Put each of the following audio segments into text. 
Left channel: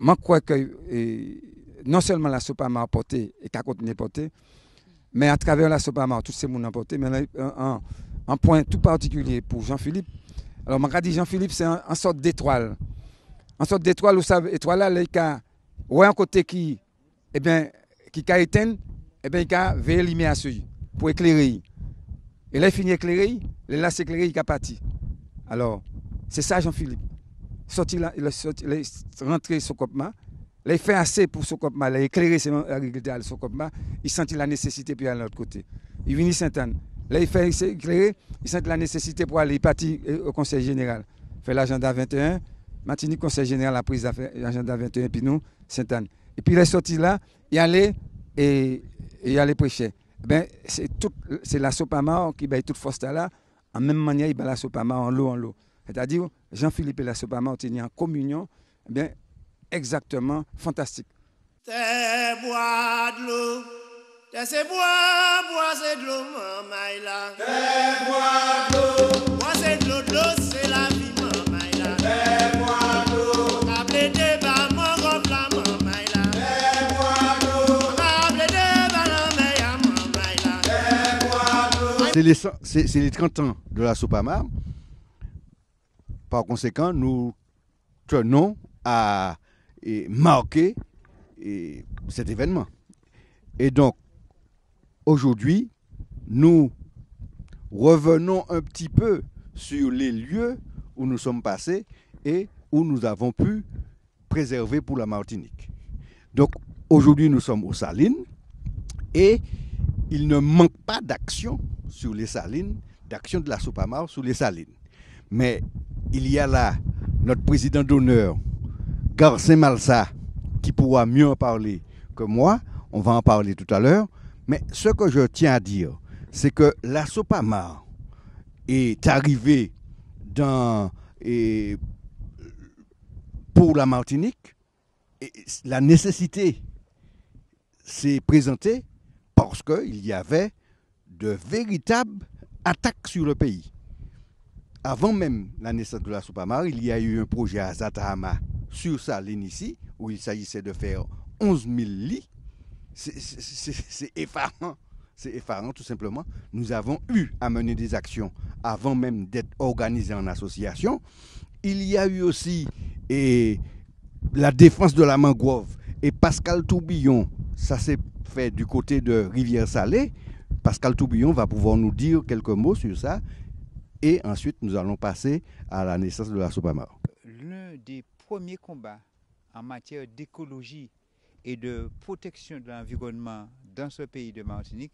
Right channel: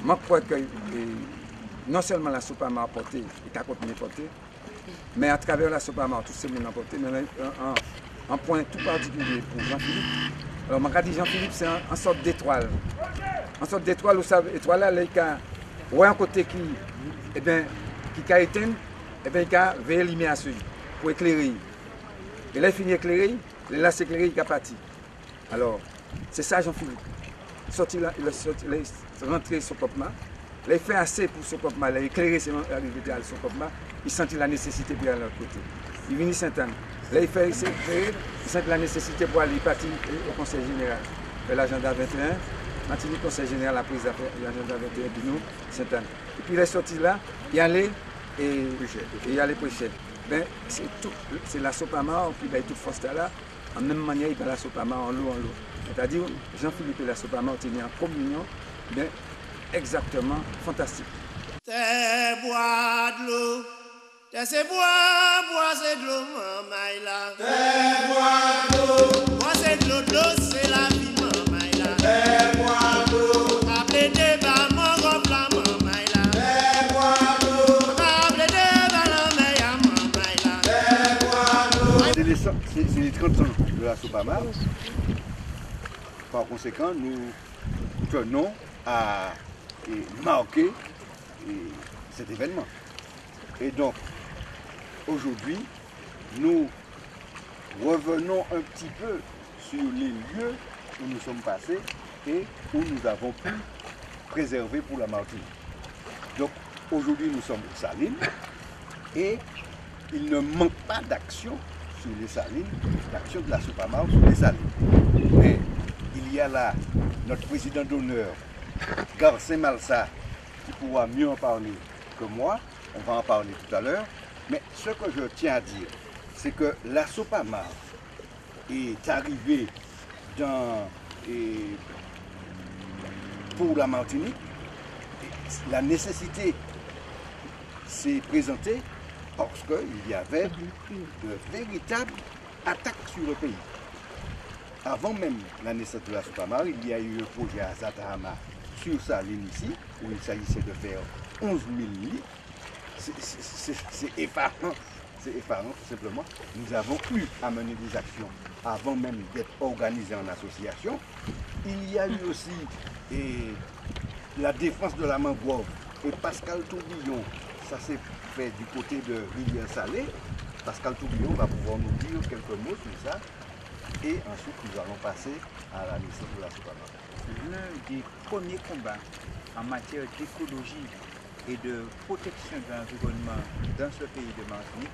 moi, je crois que non seulement la soupe à apporté et qu'à continuer à porter, mais à travers la soupe à tout ce monde a apporté, mais un point tout particulier pour Jean-Philippe. Alors, je dis Jean-Philippe, c'est une sorte d'étoile. Une sorte d'étoile, vous savez, étoile là, il y a un côté qui, eh bien, qui a éteint, eh bien, il a veillé lumière à celui pour éclairer. Et là, il finit éclairé, là, c'est éclairé, il a parti. Alors, c'est ça, Jean-Philippe. Sorti là, il est rentré sur Copma. Là, il fait assez pour ce Copma. Il a éclairé ses arrivées à ce Copma. Il sentit la nécessité pour aller de l'autre côté. Il vient Sainte-Anne. Là, il fait éclairer. Il sent la nécessité pour aller partir au Conseil général. Il fait l'agenda 21. Martinique, Conseil général, la prise d'affaires, l'agenda 21, puis nous, Sainte-Anne. Et puis, il est sorti là, il allait et il allait prêcher. Ben, c'est la Sopama qui va toute force là. En même manière, il va la Sopama en l'eau. C'est-à-dire, Jean-Philippe et la Sopama ont été en communion, bien, exactement fantastique. T'es bois de l'eau, t'es bois c'est de l'eau, maman là. T'es bois de l'eau, bois c'est de l'eau, c'est la vie, maman là. T'es bois de l'eau, rappelez des bas, mon gros plat, maman là. T'es bois de l'eau, rappelez des bas, maman là. T'es bois de l'eau. C'est les 30 ans de la Sopama. Par conséquent, nous tenons à marquer cet événement. Et donc, aujourd'hui, nous revenons un petit peu sur les lieux où nous sommes passés et où nous avons pu préserver pour la Martinique. Donc, aujourd'hui, nous sommes aux Salines et il ne manque pas d'action sur les Salines, d'action de la Sopama sur les Salines. Mais il y a là notre président d'honneur, Garcin Malsa, qui pourra mieux en parler que moi. On va en parler tout à l'heure. Mais ce que je tiens à dire, c'est que la Sopama est arrivée pour la Martinique. Et la nécessité s'est présentée parce qu'il y avait de véritables attaques sur le pays. Avant même la naissance de la Sopama, il y a eu un projet à Zatahama sur Saline ici, où il s'agissait de faire 11 000 lits. C'est effarant. C'est effarant tout simplement. Nous avons eu à mener des actions avant même d'être organisés en association. Il y a eu aussi la défense de la mangrove. Et Pascal Tourbillon, ça s'est fait du côté de Rivière-Salée. Pascal Tourbillon va pouvoir nous dire quelques mots sur ça. Et ensuite, nous allons passer à la naissance de la Sopama. L'un des premiers combats en matière d'écologie et de protection de l'environnement dans ce pays de Martinique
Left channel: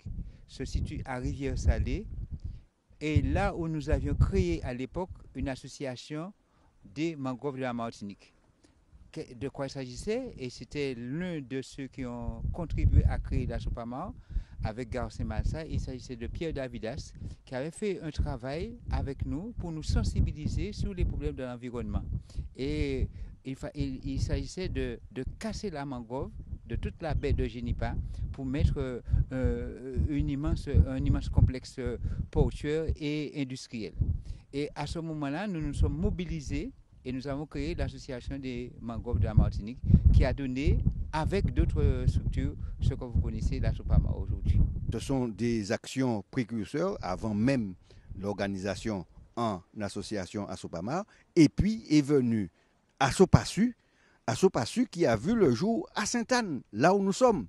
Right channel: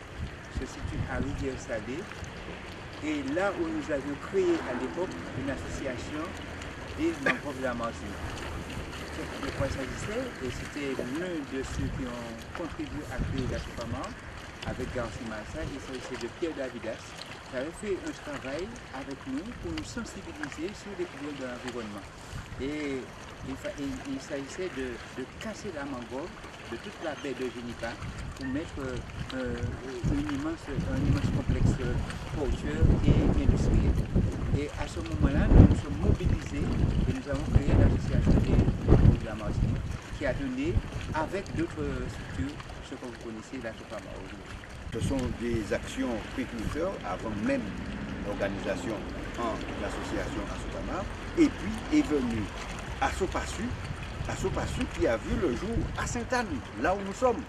se situe à Rivière-Salée. Et là où nous avions créé à l'époque une association des mangroves de la Martinique. De quoi il s'agissait? Et c'était l'un de ceux qui ont contribué à créer la Sopama avec Garcin Malsa. Il s'agissait de Pierre Davidas, qui avait fait un travail avec nous pour nous sensibiliser sur les problèmes de l'environnement. Et il s'agissait de casser la mangrove de toute la baie de Génica pour mettre un immense complexe portuaire et industriel. Et à ce moment-là, nous nous sommes mobilisés et nous avons créé l'association des mangroves de la Martinique qui a donné, avec d'autres structures, ce que vous connaissez, la Sopama. Ce sont des actions précurseurs avant même l'organisation en l'association Asopama. Et puis est venu Asopassu qui a vu le jour à Sainte-Anne, là où nous sommes,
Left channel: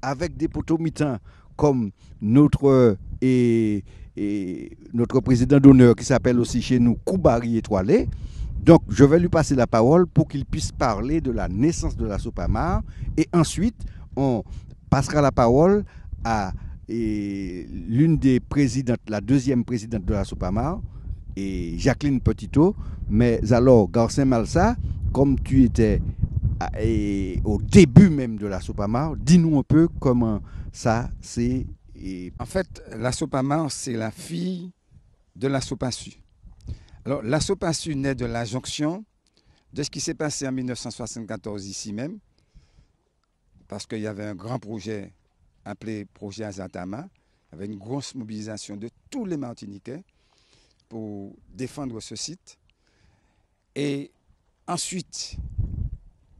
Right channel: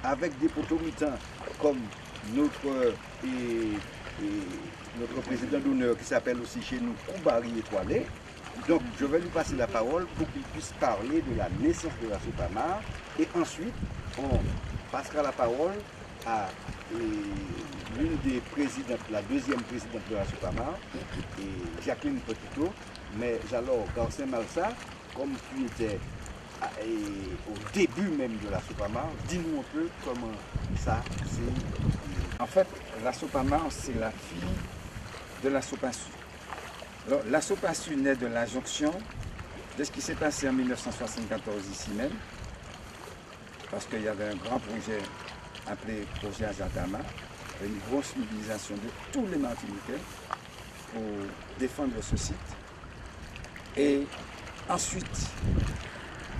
avec des potomitans comme notre président d'honneur qui s'appelle aussi chez nous Koubari Étoilé. Donc je vais lui passer la parole pour qu'il puisse parler de la naissance de la Sopama et ensuite on passera la parole à l'une des présidentes, la deuxième présidente de la Sopama, et Jacqueline Petitot. Mais alors, Garcin Malsa, comme tu étais au début même de la Sopama, dis-nous un peu comment ça c'est. En fait, la Sopama, c'est la fille de la Sopassu. Alors, la Sopassu naît de la jonction de ce qui s'est passé en 1974 ici même, parce qu'il y avait un grand projet appelé projet Azatama, avec une grosse mobilisation de tous les Martiniquais pour défendre ce site. Et ensuite,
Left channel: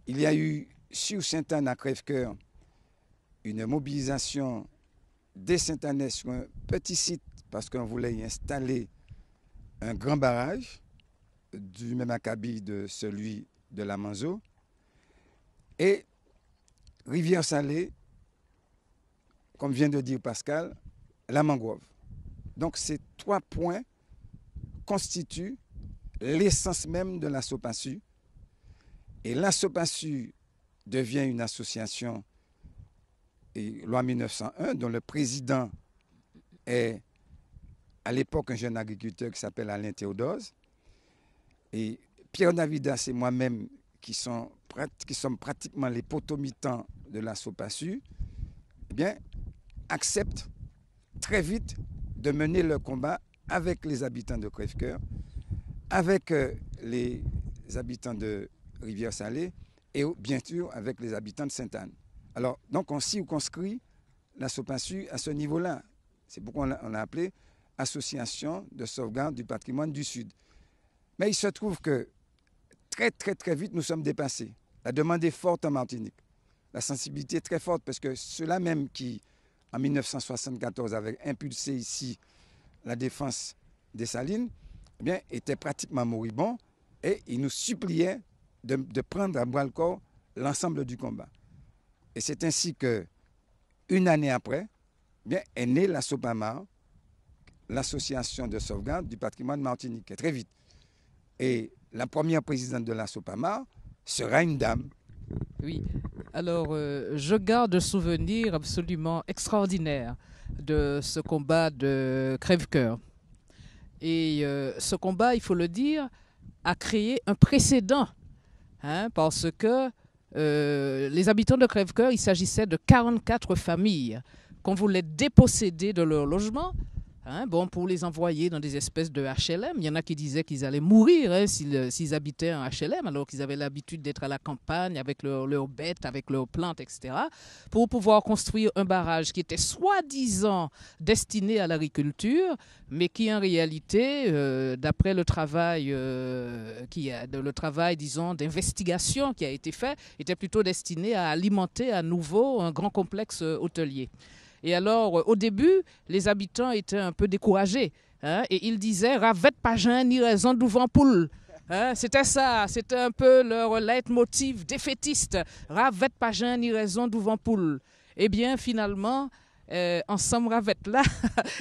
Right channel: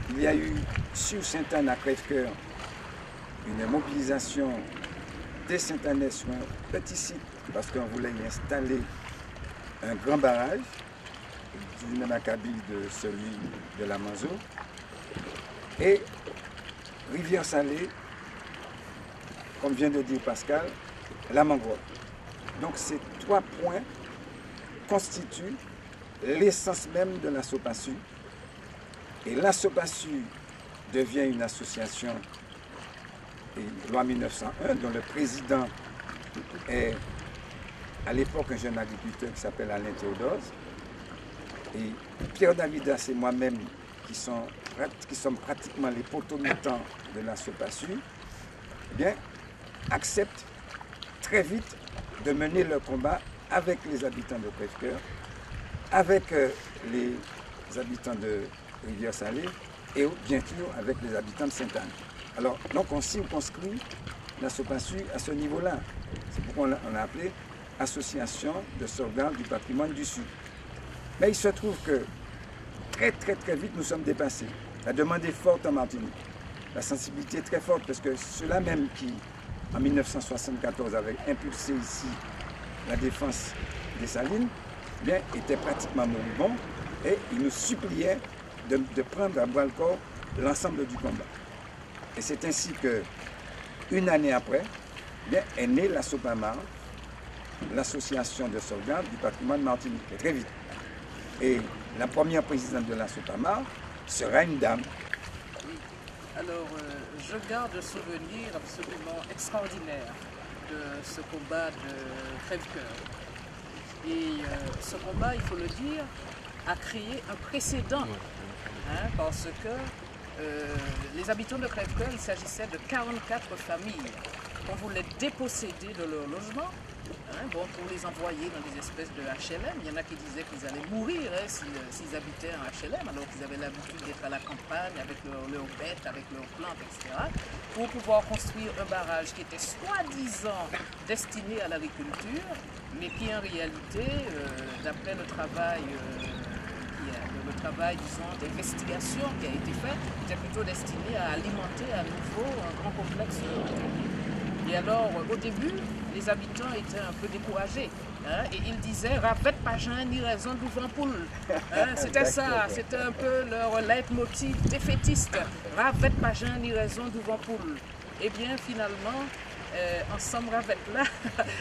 il y a eu sur Sainte-Anne à Crèvecoeur une mobilisation des Sainte-Annais sur un petit site parce qu'on voulait y installer un grand barrage du même acabit de celui de la Manzo et Rivière-Salée, comme vient de dire Pascal, la mangrove. Donc ces 3 points constituent l'essence même de la SOPASU. Et la SOPASU devient une association, et loi 1901, dont le président est à l'époque un jeune agriculteur qui s'appelle Alain Théodose. Et Pierre Davidas et moi-même, qui sommes pratiquement les potomutants de la SOPASU, eh bien, acceptent très vite de mener le combat avec les habitants de Crèvecoeur, avec les habitants de Rivière-Salée et bien sûr avec les habitants de Sainte-Anne. Alors, donc on circonscrit la SOPASU à ce niveau-là. C'est pourquoi on a appelé Association de sauvegarde du patrimoine du Sud. Mais il se trouve que très vite nous sommes dépassés. La demande est forte en Martinique. La sensibilité est très forte parce que ceux-là même qui, en 1974, avaient impulsé ici la défense des Salines, bien, étaient pratiquement moribonds et ils nous suppliaient de prendre à bras le corps l'ensemble du combat. Et c'est ainsi que, une année après, bien, est née la SOPAMAR, l'association de sauvegarde du patrimoine martiniquais, très vite. Et la première présidente de la SOPAMAR sera une dame. Oui, alors je garde un souvenir absolument extraordinaire de ce combat de Crèvecoeur. Et ce combat, il faut le dire, a créé un précédent, hein, parce que les habitants de Crèvecoeur, il s'agissait de 44 familles qu'on voulait déposséder de leur logement, hein, bon, pour les envoyer dans des espèces de HLM. Il y en a qui disaient qu'ils allaient mourir, hein, s'ils habitaient en HLM, alors qu'ils avaient l'habitude d'être à la campagne avec leurs bêtes, avec leurs plantes, etc., pour pouvoir construire un barrage qui était soi-disant destiné à l'agriculture, mais qui en réalité, d'après le travail, disons, d'investigation qui a été fait, était plutôt destiné à alimenter à nouveau un grand complexe hôtelier. Et alors, au début, les habitants étaient un peu découragés. Hein, et ils disaient « Ravette pas jeun ni raison d'ouvant poule hein, ». C'était ça, c'était un peu leur leitmotiv défaitiste. « Ravette pas jeun ni raison d'ouvant poule ». Eh bien, finalement, ensemble ravette là,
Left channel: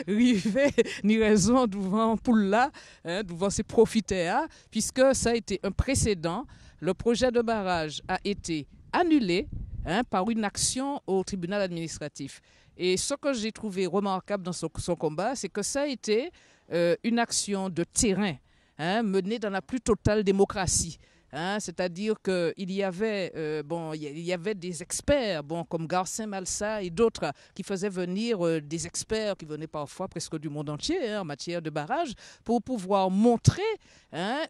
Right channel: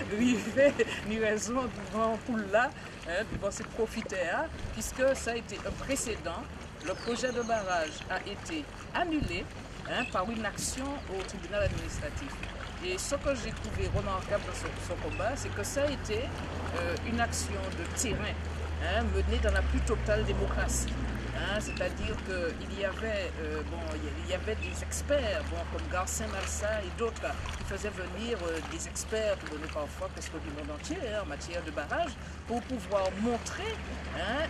rivet ni raison d'ouvant poule là, hein, devant ces profiteurs, puisque ça a été un précédent. Le projet de barrage a été annulé, hein, par une action au tribunal administratif. Et ce que j'ai trouvé remarquable dans ce combat, c'est que ça a été une action de terrain, hein, menée dans la plus totale démocratie. Hein, c'est-à-dire qu'il y avait, il y avait des experts, comme Garcin Malsa et d'autres, qui faisaient venir des experts qui venaient parfois presque du monde entier, hein, en matière de barrage, pour pouvoir montrer, hein,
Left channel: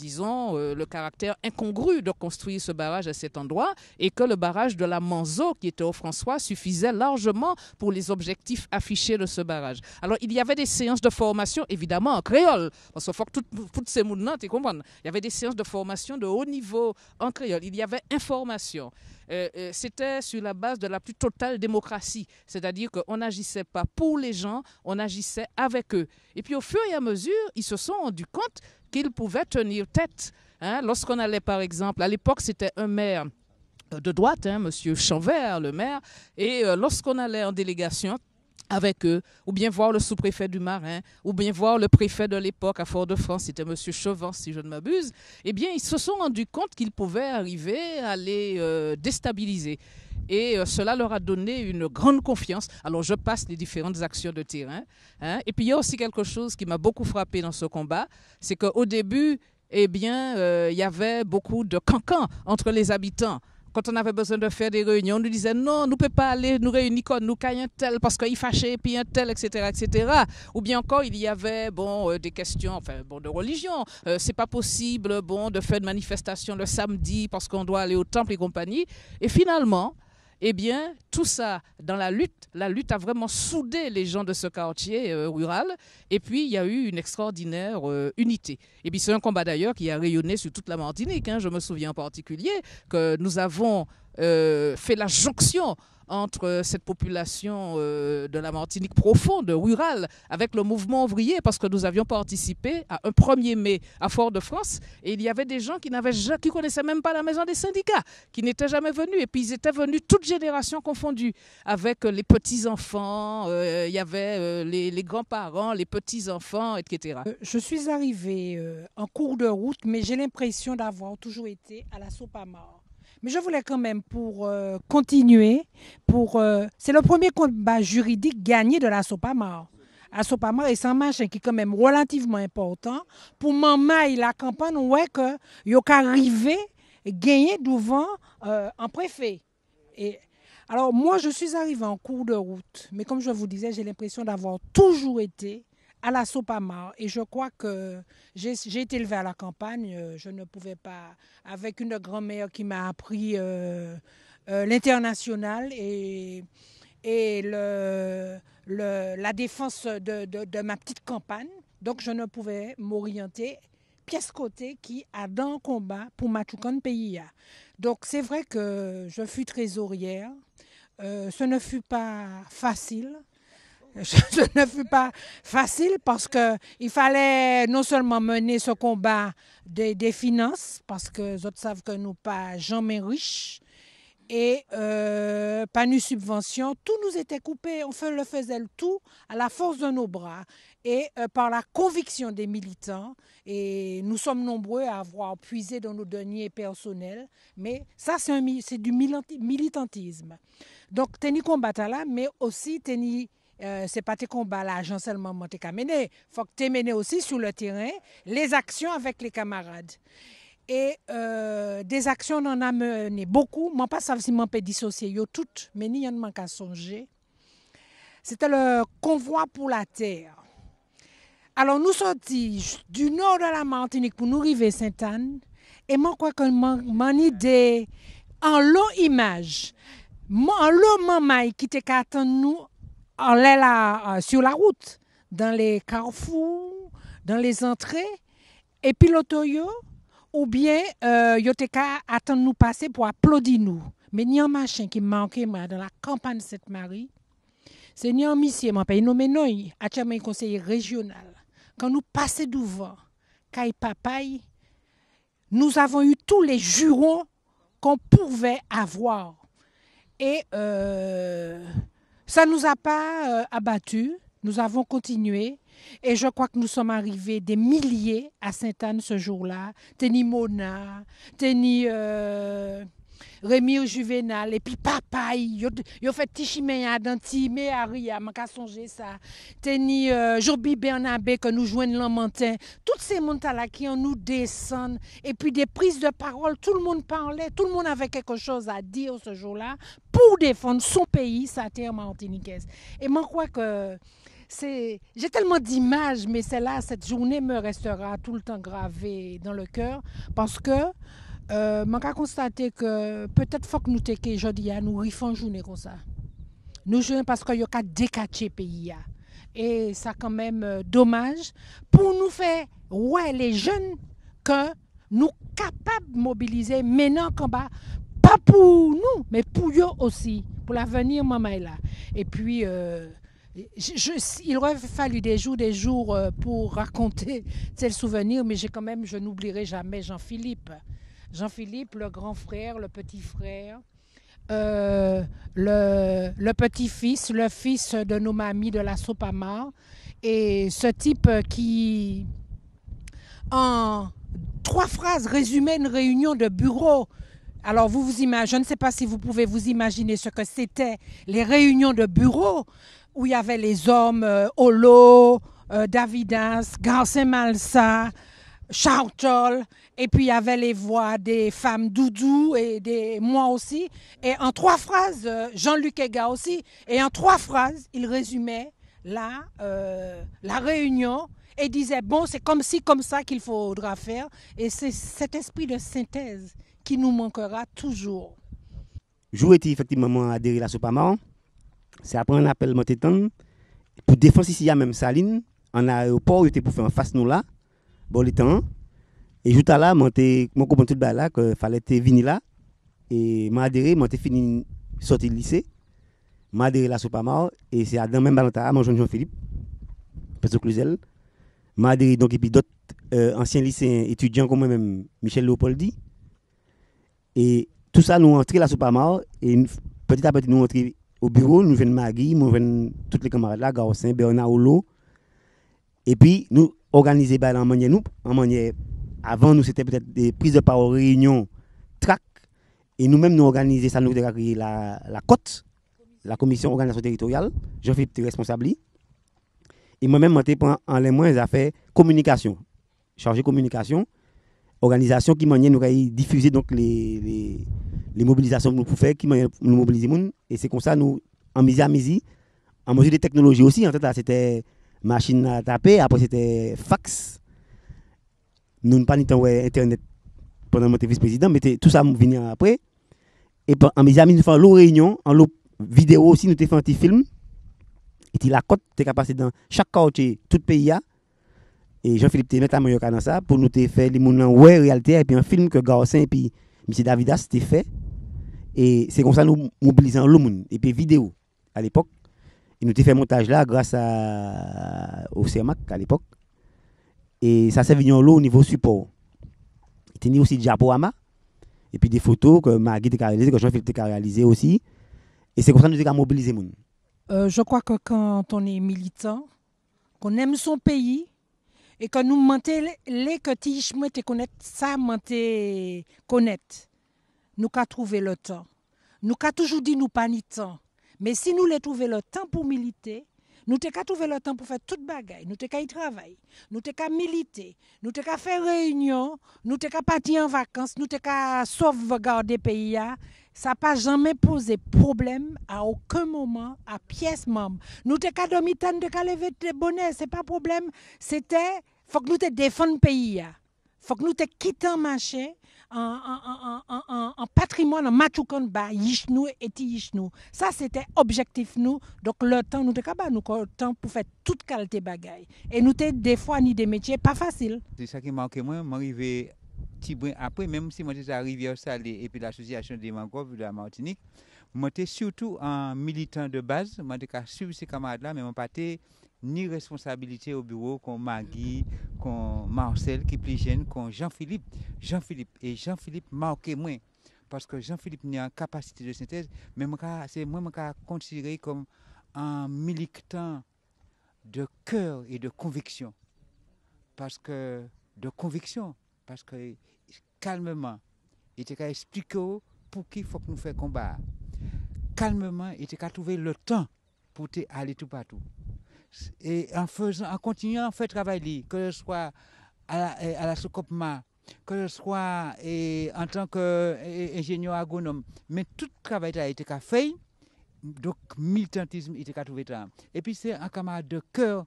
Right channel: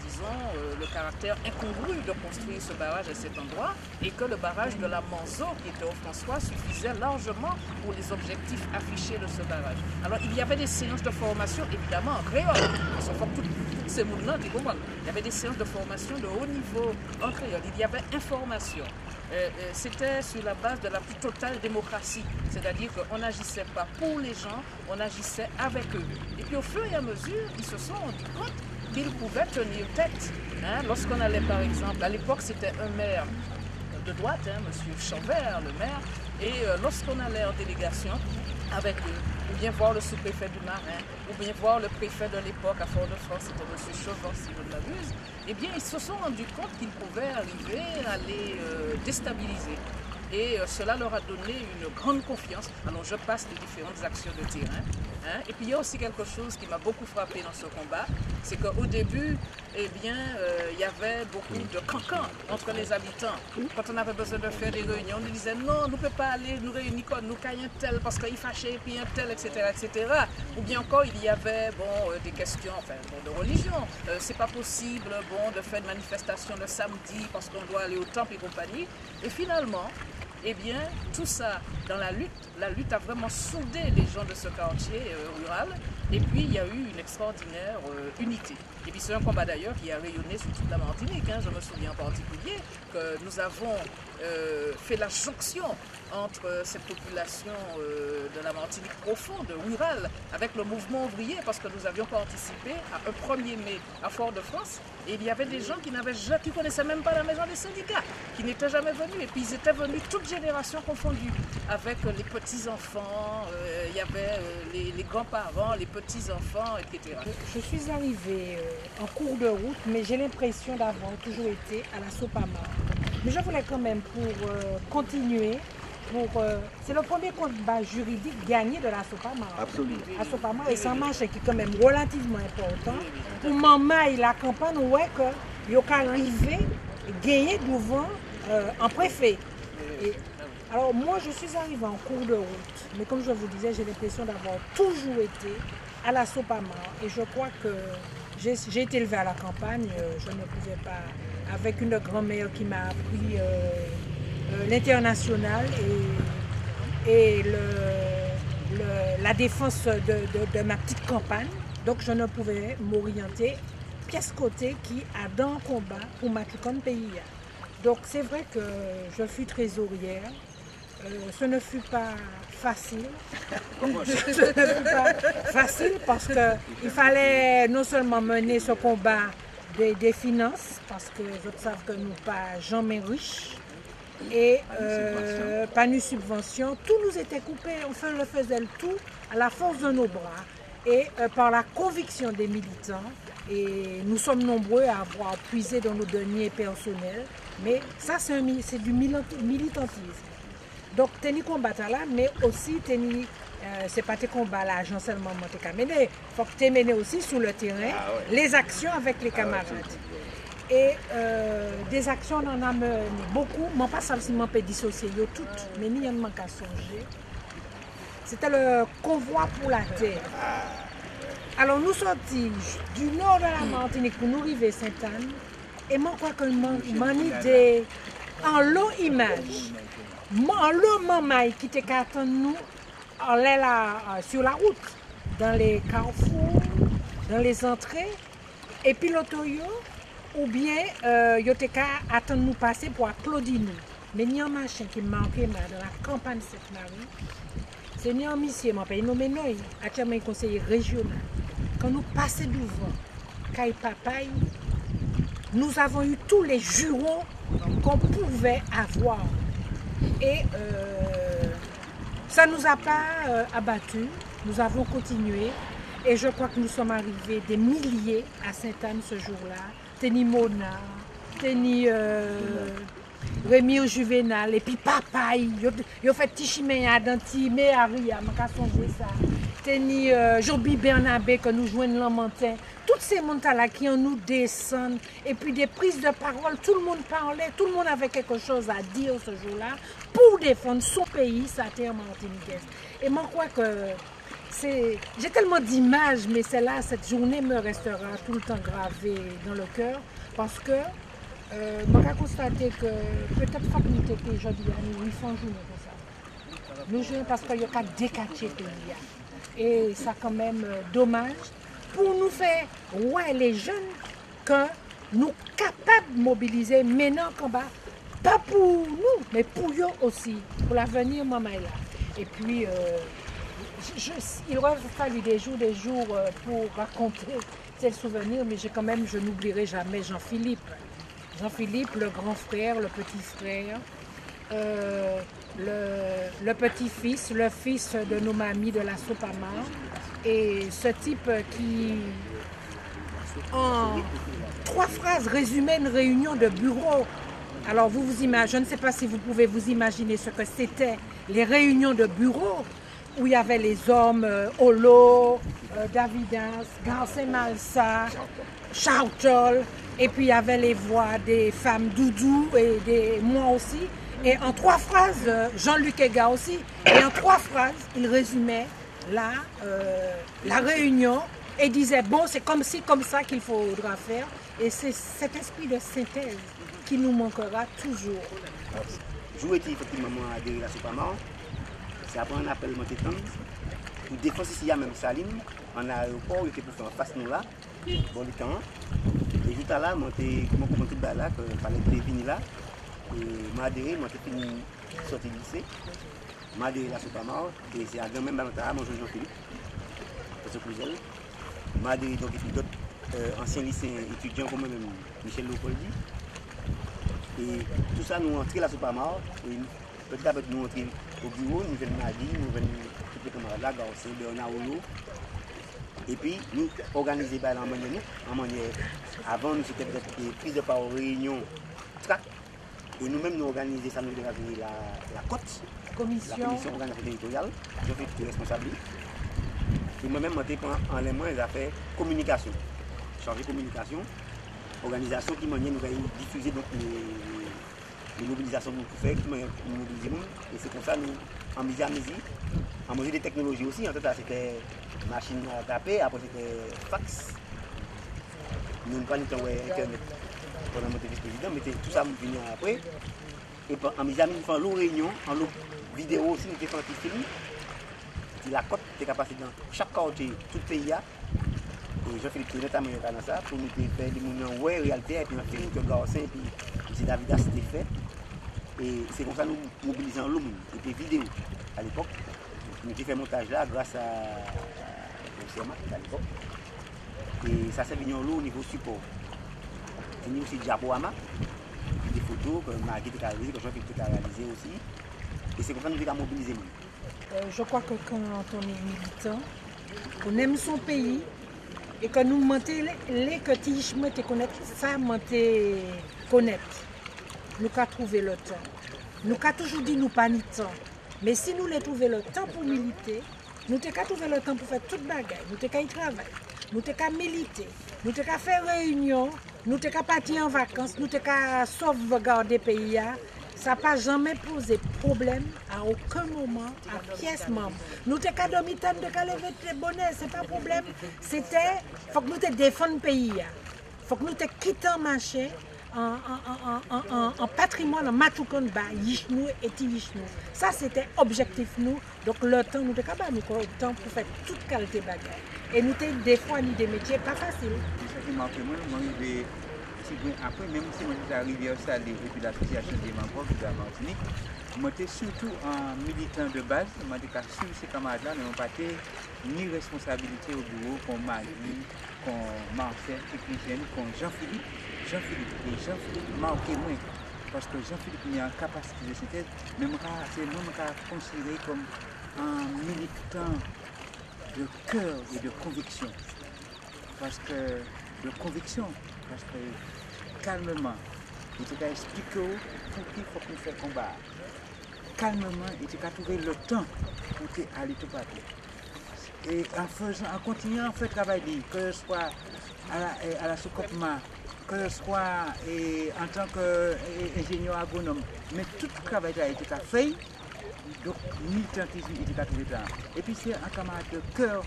disons, le caractère incongru de construire ce barrage à cet endroit, et que le barrage de la Manzo, qui était au François, suffisait largement pour les objectifs affichés de ce barrage. Alors, il y avait des séances de formation, évidemment, en créole, parce que toutes ces mouvements, tu comprends, il y avait des séances de formation de haut niveau en créole, il y avait information. C'était sur la base de la plus totale démocratie, c'est-à-dire qu'on n'agissait pas pour les gens, on agissait avec eux. Et puis au fur et à mesure, ils se sont rendus compte qu'ils pouvaient tenir tête. Hein, lorsqu'on allait par exemple, à l'époque c'était un maire de droite, hein, M. Chanvert, le maire, et lorsqu'on allait en délégation avec eux, ou bien voir le sous-préfet du Marin, ou bien voir le préfet de l'époque à Fort-de-France, c'était M. Chauvin, si je ne m'abuse, eh bien, ils se sont rendus compte qu'ils pouvaient arriver à les déstabiliser. Et cela leur a donné une grande confiance. Alors, je passe les différentes actions de terrain. Hein. Et puis, il y a aussi quelque chose qui m'a beaucoup frappé dans ce combat, c'est qu'au début, eh bien, il y avait beaucoup de cancans entre les habitants. Quand on avait besoin de faire des réunions, on nous disait non, nous ne pouvons pas aller nous réunir quand nous caillons un tel parce qu'il fâché, puis un tel, etc., etc. Ou bien encore, il y avait des questions de religion. C'est pas possible de faire une manifestation le samedi parce qu'on doit aller au temple et compagnie. Et finalement, eh bien, tout ça, dans la lutte a vraiment soudé les gens de ce quartier rural. Et puis, il y a eu une extraordinaire unité. Et puis c'est un combat d'ailleurs qui a rayonné sur toute la Martinique. Hein. Je me souviens en particulier que nous avons fait la jonction entre cette population de la Martinique profonde, rurale, avec le mouvement ouvrier, parce que nous avions participé à un 1er mai à Fort-de-France, et il y avait des gens qui connaissaient même pas la maison des syndicats, qui n'étaient jamais venus, et puis ils étaient venus toutes générations confondues, avec les petits-enfants, il y avait les grands-parents, les petits-enfants, etc. Je suis arrivée en cours de route, mais j'ai l'impression d'avoir toujours été à la Sopamar. Mais je voulais quand même, pour continuer, c'est le premier combat juridique gagné de la Sopamar. La Sopamar est un marché qui est quand même relativement important. Pour Mamaï, la campagne, ouais que il y a arrivé gagner devant un préfet. Alors moi, je suis arrivée en cours de route, mais comme je vous disais, j'ai l'impression d'avoir toujours été à la Sopamar. Et je crois que j'ai été élevée à la campagne, je ne pouvais pas, avec une grand-mère qui m'a appris l'international et la défense de ma petite campagne. Donc je ne pouvais m'orienter pièce côté qui a dans le combat pour ma pays. Donc c'est vrai que je fus trésorière. Ce ne fut pas facile. Ce ne fut pas facile parce qu'il fallait non seulement mener ce combat des finances, parce que les autres savent que nous pas jamais riches, et pas de subvention, tout nous était coupé, enfin le faisait tout à la force de nos bras et par la conviction des militants, et nous sommes nombreux à avoir puisé dans nos deniers personnels, mais ça c'est du militantisme. Donc tenir combat là, mais aussi tenir c'est pas tes combats là, seulement tu as mené, il faut que tu mené aussi sur le terrain les actions avec les camarades. Et des actions, on en a mené beaucoup. Moi, pas seulement peut dissocier toutes, mais ni en qu'à songer. C'était le convoi pour la terre. Alors, nous sortis du nord de la Martinique pour nous arriver à Sainte-Anne. Et moi, je crois que mon idée, en l'eau image, en l'eau mamaï qui était qu'attend nous, on est là sur la route, dans les carrefours, dans les entrées, et puis l'autoyo. Ou bien, yo te ka attendre nous passer pour applaudir nous. Mais il y a un machin qui manquait dans la campagne Sainte-Marie. C'est un monsieur, je vais nommer Noy, actuellement conseiller régional. Quand nous passons devant Kay Papaye, nous avons eu tous les jurons qu'on pouvait avoir. Et ça ne nous a pas abattus. Nous avons continué. Et je crois que nous sommes arrivés des milliers à Sainte-Anne ce jour-là. Teni Mona, Teni Rémi Juvenal, et puis Papaye, ils fait Tichimeya, Danti, Méharia, je ne songer ça. Teni Jobi Bernabé que nous jouons le matin. Tous ces gens-là qui en nous descendent. Et puis des prises de parole, tout le monde parlait, tout le monde avait quelque chose à dire ce jour-là pour défendre son pays, sa terre martiniquaise. Et moi, je crois que j'ai tellement d'images, mais cette journée me restera tout le temps gravée dans le cœur parce que je vais constater que peut-être faut que nous t'aies aujourd'hui à nous une journée comme ça. Nous jouons parce qu'il y a qu'à décacher le pays. Et ça quand même dommage pour nous faire les jeunes que nous capables de mobiliser maintenant combat, pas pour nous, mais pour eux aussi, pour l'avenir maman est là. Et puis il aurait fallu des jours pour raconter ces souvenirs, mais je n'oublierai jamais Jean-Philippe. Jean-Philippe, le grand frère, le petit frère, le petit-fils, le fils de nos mamies de la Sopamar. Et ce type qui, en 3 phrases, résumait une réunion de bureau. Alors vous imaginez, je ne sais pas si vous pouvez vous imaginer ce que c'était les réunions de bureau, où il y avait les hommes Olo, Davidas, Garcin Malsa, Chartol, et puis il y avait les voix des femmes Doudou et moi aussi. Et en 3 phrases, Jean-Luc Ega aussi, et en 3 phrases, il résumait la réunion et disait bon, c'est comme ci, comme ça qu'il faudra faire. Et c'est cet esprit de synthèse qui nous manquera toujours. J'ai été effectivement adhéré à la Sopamar. C'est après un appel Montétan pour défendre ici, il y a même Saline, en aéroport, il était pour faire en face nous là. bon le temps. Et juste là, je comprends tout là que fallait venir là. Et m'a adhéré, m'a fini sorti du lycée. M'a adhéré là sur Pamar et c'est dans même balantage mon Jean-Philippe. Parce que Cluzel. M'a adhéré donc et puis d'autres anciens lycéens étudiants comme moi-même, Michel Léopoldi. Et tout ça nous entré là sur Pamar et petit à petit nous entré au bureau, nous venons Magui, nous venons tous les camarades là, Garcin, Bernard Olo. Et puis nous organiser en manière avant nous c'était peut-être des prises de parole, réunions, tract. Et nous-mêmes nous organiser ça, nous avons créé la côte, la commission organisation territoriale. Jean-Philippe était responsable. Et moi-même, je prends en les moins, j'ai fait communication, chargé communication, organisation qui m'a nous diffuser donc les mobilisations que nous pouvons faire, qui nous mobiliser. Et c'est comme ça nous en midi, en mesure des technologies aussi. En fait, c'était machine à taper, après c'était fax. Nous n'avons pas de temps internet pendant mon vice-président, mais tout ça vient après. Et en mes amis, nous faisons l'eau réunion, en l'eau vidéo aussi, nous faisons un petit film. Et la côte est capable dans chaque quartier, tout le pays. Et Jean-Philippe était notamment dans ça pour nous faire des réalité et puis un film que Garcin et puis M. Davidas c'était fait. Et c'est comme ça nous mobilisons le monde. Et puis vidéo à l'époque. Nous avons fait montage là grâce au CERMAC à l'époque. Et ça s'est venu en l'eau au niveau support. Il y a aussi Diaporama. Et puis des photos que Magui a réalisées, que Jean-Philippe a réalisées aussi. Et c'est comme ça que nous avons mobilisé. Je crois que quand on est militant, qu'on aime son pays et que nous mentons les que tu connaître ça, connaître. Nous avons trouvé le temps. Nous avons toujours dit nous pas ni temps. Mais si nous avons trouvé le temps pour militer, nous avons trouvé le temps pour faire toute bagaille. Nous avons y travailler, nous avons militer, nous avons faire réunion, nous avons partir en vacances, nous avons sauvegarder le pays. Ça n'a pas jamais posé problème à aucun moment à pièce membre. Nous avons dormi tant de lever de bonheur, ce n'est pas un problème. C'était, il faut que nous défendions le pays. Il faut que nous quittions le marché en patrimoine, en matoukan ba yishnou et yishnou. Ça c'était objectif nous. Donc le temps nous avons le temps pour faire toute qualité bagaille. Et nous avons des fois ni des métiers pas faciles. C'est ça qui manquait moi arrivé après, même si je suis arrivé au Salé et puis l'association des membres de la Martinique, je suis surtout un militant de base, je suis suivre ces camarades-là, mais je n'ai pas ni responsabilité au bureau comme Magui, comme Marcel, Kipligène, comme Jean-Philippe. Et Jean-Philippe marqué moins, parce que Jean-Philippe a une capacité de synthèse, mais c'est considéré comme un militant de cœur et de conviction. Parce que calmement, il t'a expliqué pour qui il faut qu'on fasse combat. Calmement, il t'a trouvé le temps pour aller tout partout. Et en continuant à faire travail, que ce soit à la Soukopma, que ce soit en tant qu'ingénieur agronome, mais tout le travail a été fait, donc militantisme il était trouvé là. Et puis c'est un camarade de cœur,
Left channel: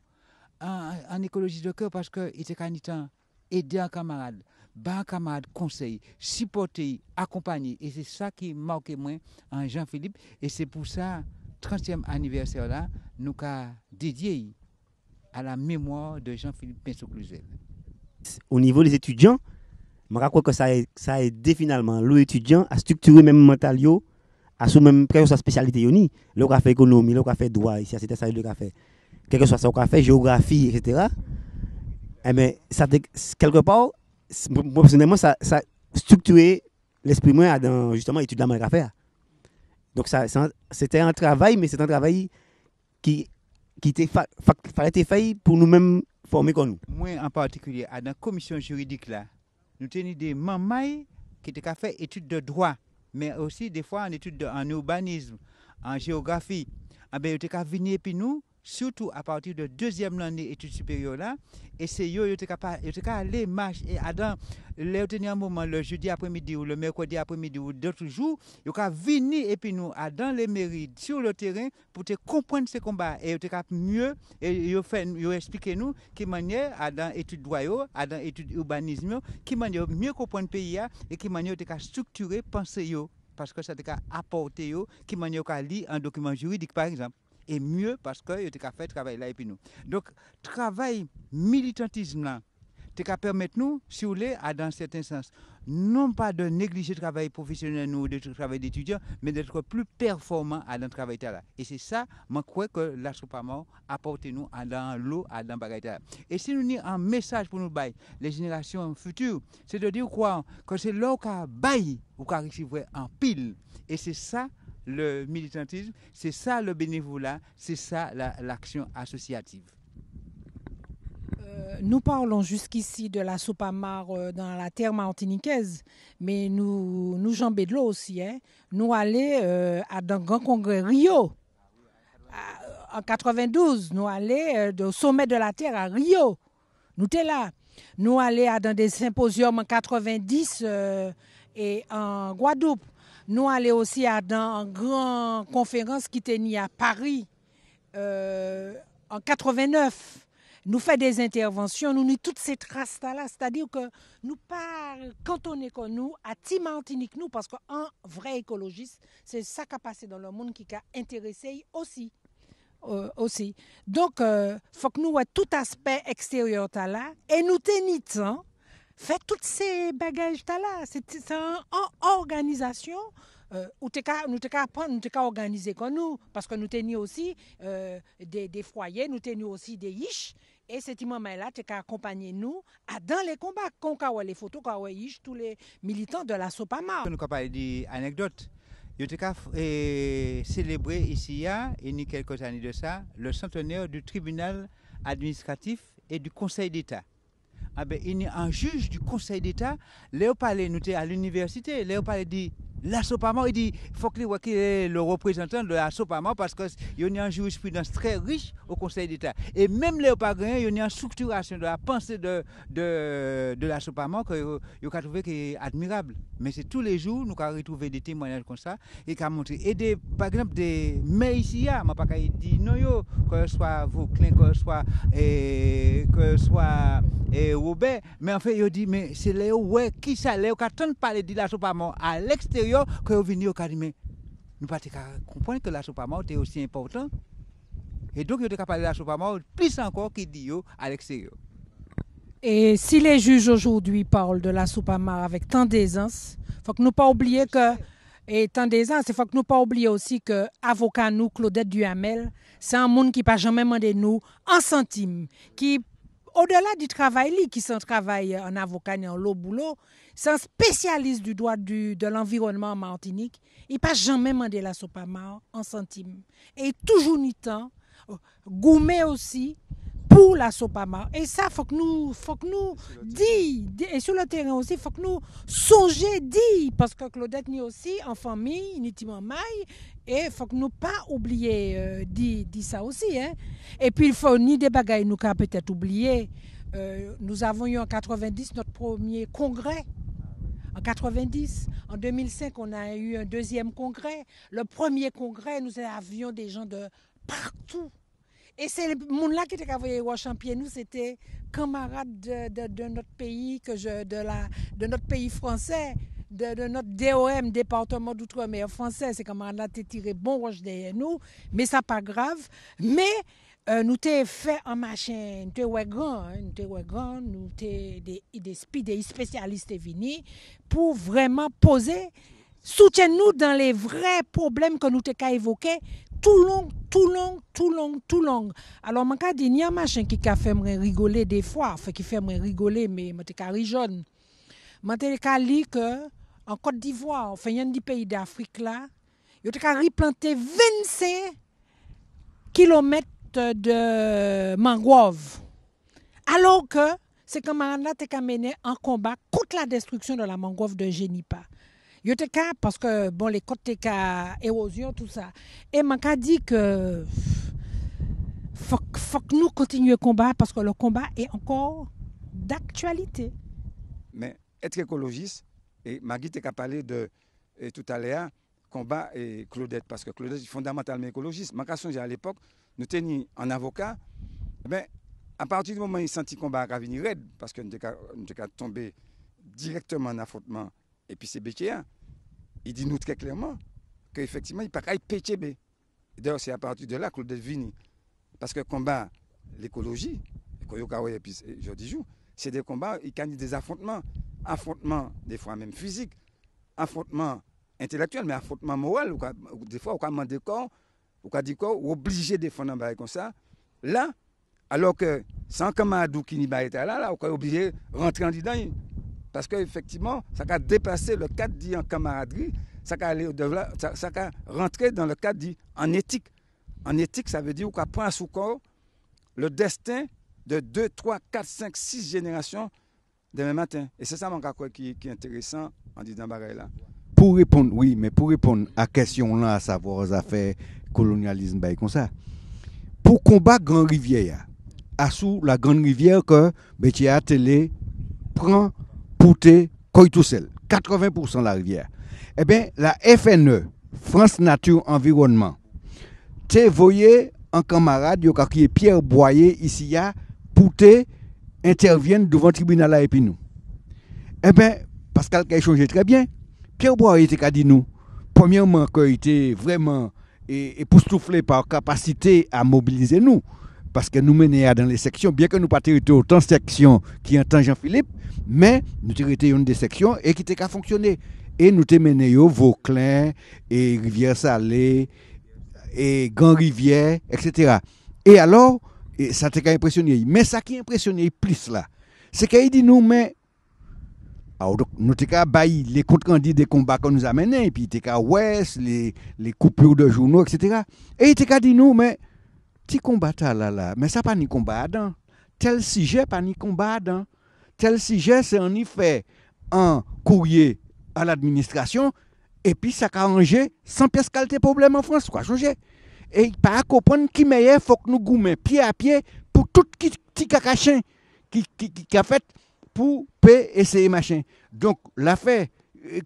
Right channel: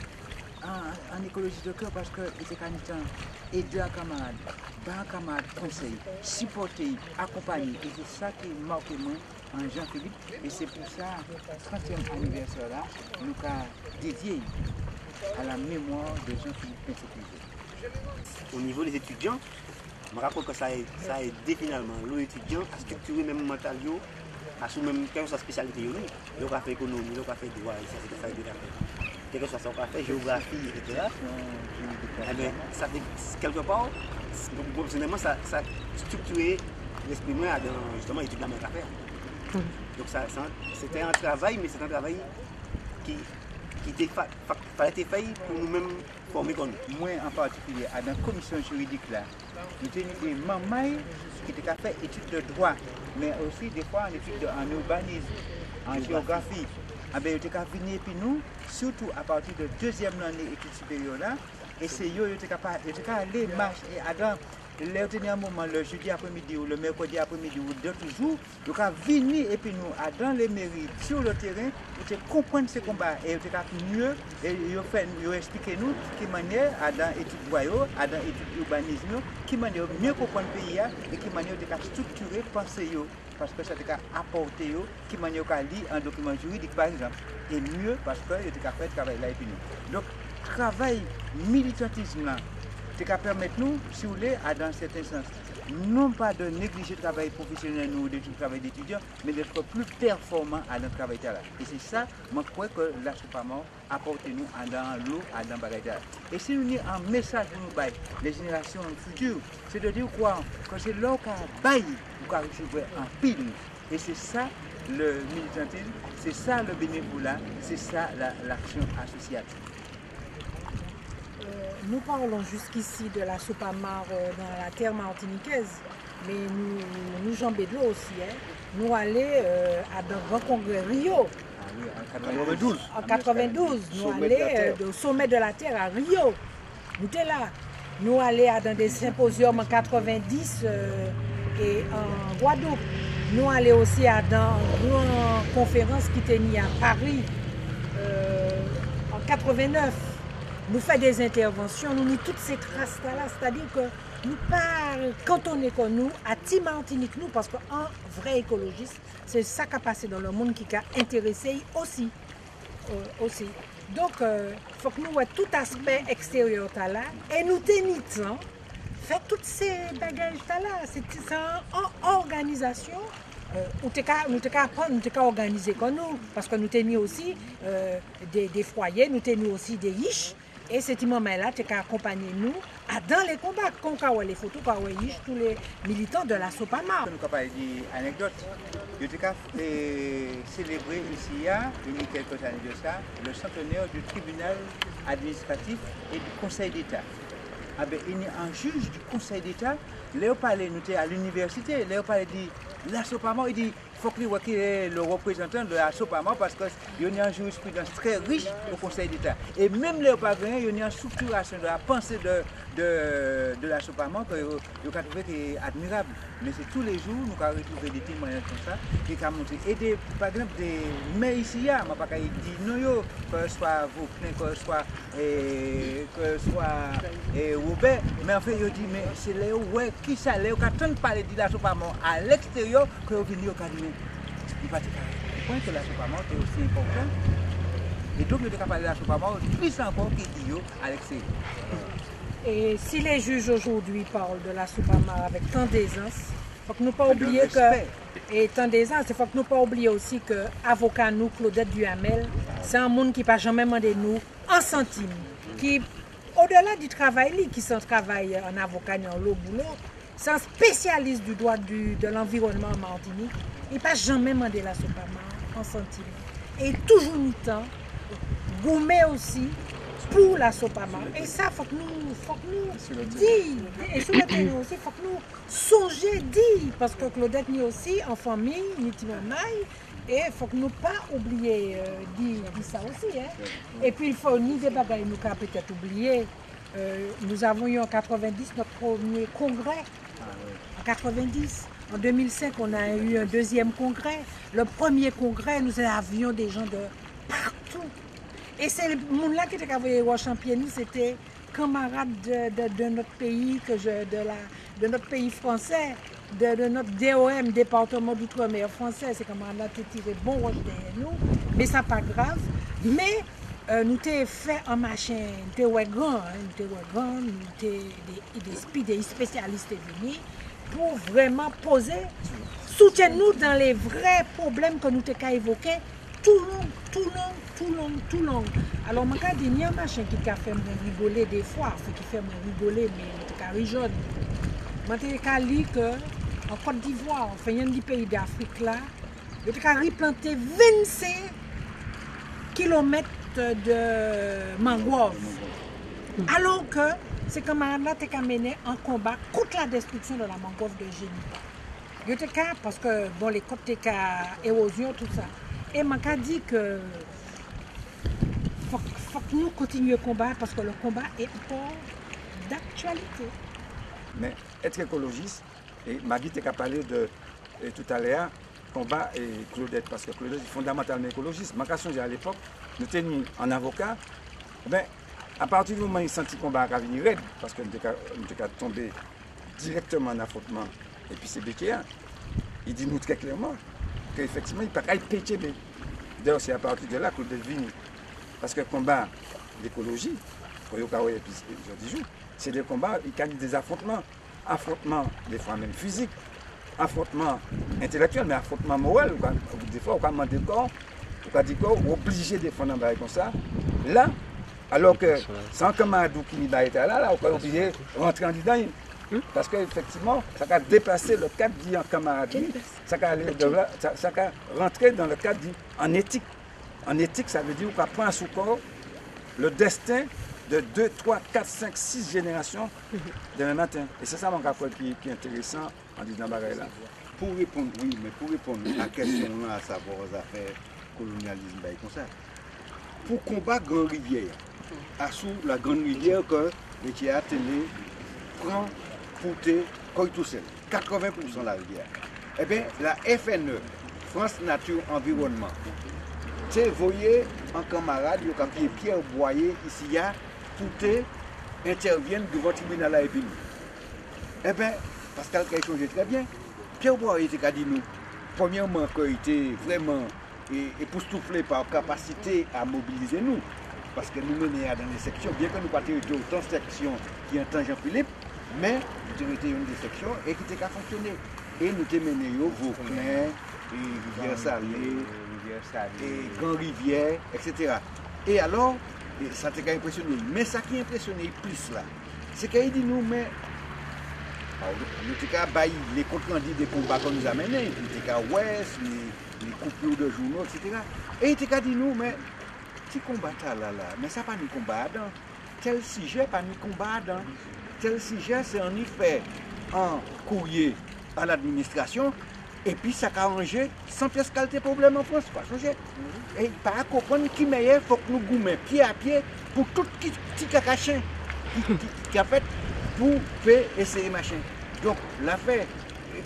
en écologie de cœur, parce qu'il était aider un camarade. Un camarade conseil, supporter, accompagner. Et c'est ça qui marque moi en Jean-Philippe. Et c'est pour ça, 30e anniversaire là, nous avons dédié à la mémoire de Jean-Philippe Pinto-Cluzel. Au niveau des étudiants, je crois que ça a aidé finalement l'étudiant à structurer même mental, à sous même sa spécialité. Le fait économie, le fait droit, c'était ça qu'il a fait. Quel que soit son fait, géographie, etc. Eh bien, ça quelque part, personnellement, ça a structuré l'esprit moi dans justement l'étude de la faire. Donc c'était un travail, mais c'est un travail qui fallait être fait pour nous-mêmes former comme nous. Moi en particulier, dans la commission juridique là, nous avons des mamans qui ont fait études de droit, mais aussi des fois en études en urbanisme, en géographie. Ils ont venir puis nous, surtout à partir de deuxième année études supérieures là. Et c'est eux qui sont allés marcher et dans le dernier moment, le jeudi après-midi ou le mercredi après-midi ou d'autres jours, donc à venir et puis nous dans les mairies sur le terrain pour te comprendre ces combats et mieux et ils expliquer nous qui manière dans études boyaux, dans études urbanisme, qui manière mieux comprendre le pays et qui manière de structurer penser parce que ça t'a apporté qui manière à lire un document juridique par exemple et mieux parce que il a fait travail là et puis nous. Donc travail militantisme là, qui permettre nous, si vous voulez, à dans certains sens, non pas de négliger le travail professionnel ou le travail d'étudiant, mais d'être plus performant à notre travail. Et c'est ça, moi, je crois que la Sopamor apporte nous dans l'eau, dans le bagage. Et si nous avons un message pour nous, les générations futures, c'est de dire quoi? Que c'est là qu'on baille ou qu'on recevoir en pile. Et c'est ça le militantisme, c'est ça le bénévolat, c'est ça l'action associative. Nous parlons jusqu'ici de la Sopamor dans la terre martiniquaise, mais nous jambons de l'eau aussi. Hein. Nous allons dans le grand congrès Rio. En 92, nous allons au sommet de la terre à Rio. Nous étions là. Nous allons dans des symposiums en 90 et en Guadeloupe. Nous allons aussi dans une grande conférence qui était à Paris en 89. Nous faisons des interventions, nous mettons toutes ces traces-là, c'est-à-dire que nous parlons, quand on est comme nous, à Team Martinique, nous, parce qu'un vrai écologiste, c'est ça qui a passé dans le monde qui a intéressé aussi. Donc, il faut que nous ayons tout aspect extérieur là, et nous tenions, faire toutes ces bagages-là. C'est en organisation. Nous avons organisé comme nous, parce que nous tenions aussi des foyers, nous tenions aussi des riches. Et cet moment-là, tu as accompagné nous dans les combats. Quand on voit les photos, quand on voit tous les militants de la Sopamor. Nous avons parlé d'anecdotes. Nous avons célébré ici, il y a quelques années de ça, le centenaire du tribunal administratif et du Conseil d'État. Il y a un juge du Conseil d'État, Léo parlait, nous étions à l'université, Léo parlait de la Sopamor, il dit il faut qu'il est le représentant de la Sopamor parce qu'il y a une jurisprudence très riche au Conseil d'État. Et même Léo Pagrin, il y a une structuration de la pensée de la Sopamor que je trouve admirable. Mais c'est tous les jours, nous avons retrouvé des témoignages comme ça et qui ont montré. Et par exemple, des mais ici, je ne vais pas dire non, que ce soit Vauclin, que ce soit Robert, mais en fait, il dit mais c'est Léo, ouais, qui ça, Léo, quand on parle de la Sopamor à l'extérieur, que vous venez au cas de mais il va te dire que la Sopamor est aussi important. Et donc, il a parlé de la Sopamor plus encore qu'il dit à l'extérieur. Et si les juges aujourd'hui parlent de la Sopamor avec tant d'aisance, il faut que nous pas oublier que et tant d'aisance, il faut que nous pas oublier aussi que avocat nous Claudette Duhamel, c'est un monde qui n'a jamais demandé nous un centime, qui au-delà du travail qui sont travail en avocat et en boulot, c'est un spécialiste du droit de l'environnement en Martinique. Il n'a jamais demandé la Sopamor en centime. Et toujours mis temps, gourmet aussi pour la Sopamor. Et ça, il faut que nous disions, et sur le terrain aussi, il faut que nous songions dire, parce que Claudette est aussi en famille, il est mamaille, et il faut que nous pas oublier dire ça aussi. Hein. Et puis il faut ni des bagailles nous qu'à peut-être oublier. Nous avons eu en 90 notre premier congrès. En 90. En 2005, on a eu un deuxième congrès. Le premier congrès, nous avions des gens de partout. Et c'est le monde-là qui était envoyé au Championny, c'était camarades de notre pays, de notre pays français, de notre DOM, département d'outre-mer français. C'est camarades qui tiré bon roche derrière nous, mais ça pas grave. Mais nous avons fait un machin, nous avons des spécialistes venus pour vraiment poser, soutenir-nous dans les vrais problèmes que nous avons évoqués. Tout long. Alors, je dis, il y a un machin qui fait me rigoler des fois, qui fait me rigoler, mais je suis jeune. Je dis qu'en Côte d'Ivoire, en fait, un des pays d'Afrique là, je suis replanté 25 km de mangrove. Alors que ces camarades-là ont mené un combat contre la destruction de la mangrove de Génipa. Parce que bon, les côtes étaient érosion, tout ça. Et je dis que faut que nous continuions le combat parce que le combat est encore d'actualité. Mais être écologiste, et Magui t'a parlé de tout à l'heure, combat et Claudette, parce que Claudette est fondamentalement écologiste. Ma question, à l'époque, nous étions en avocat, mais à partir du moment où il senti le combat à venir raide, parce que nous sommes tombés directement en affrontement, et puis c'est Békéa, il dit nous très clairement qu'effectivement, il ne peut pas être péché. D'ailleurs, c'est à partir de là que Claudette vient. Parce que le combat, l'écologie, pour y avoir épisode du jour, c'est des combats, il y a des affrontements. Affrontements, des fois même physiques, affrontements intellectuels, mais affrontements moraux. Des fois, on peut demander corps, on peut dire qu'on est obligé de défendre un bail comme ça. Là, alors que sans camarade qui n'est pas là, on est obligé de rentrer en dedans. Parce qu'effectivement, ça a dépassé le cadre dit en camaraderie, ça a rentré dans le cadre dit en éthique. En éthique, ça veut dire qu'on prend sous corps le destin de 2, 3, 4, 5, 6 générations demain matin. Et c'est ça mon rapport qui est intéressant en disant bagaille là. Pour répondre, oui, mais pour répondre à la question là, à savoir aux affaires colonialisme, comme ça, pour combattre Grande Rivière, à sous la Grande Rivière que Bétia Télé prend pour tout seul, 80% de la rivière. Eh bien, la FNE, France Nature Environnement, tu voyez un camarade qui est Pierre Boyer ici, pour interviennent devant le tribunal là et puis nous. Eh bien, Pascal qui a changé très bien. Pierre Boyer était dit nous, premièrement, qu'il était vraiment époustouflé par capacité à mobiliser nous. Parce que nous menons dans les sections, bien que nous pas été autant de sections qui ont Jean-Philippe, mais nous avons été une des sections et qui était qu'à fonctionner. Et nous avons mené Vauclin, et Rivière-Salée, et Grand-Rivière, etc. Et alors, ça t'a impressionné. Mais ça qui impressionné plus là, c'est qu'il dit nous, mais alors, nous avons baillé les comptes rendus des combats qu'on nous a menés, et puis nous avons ouest, les coupures de journaux, etc. Et il a dit nous, mais petit combat là, mais ça pas ni combat dedans. Tel sujet, pas ni combat dedans. Tel sujet, c'est en effet un courrier à l'administration, et puis ça a arrangé sans pièce qualité problème en France, quoi, changer. Et pas comprendre qui meilleur, faut que nous goumons pied à pied pour tout petit cacachin qui a fait pour essayer machin. Donc l'affaire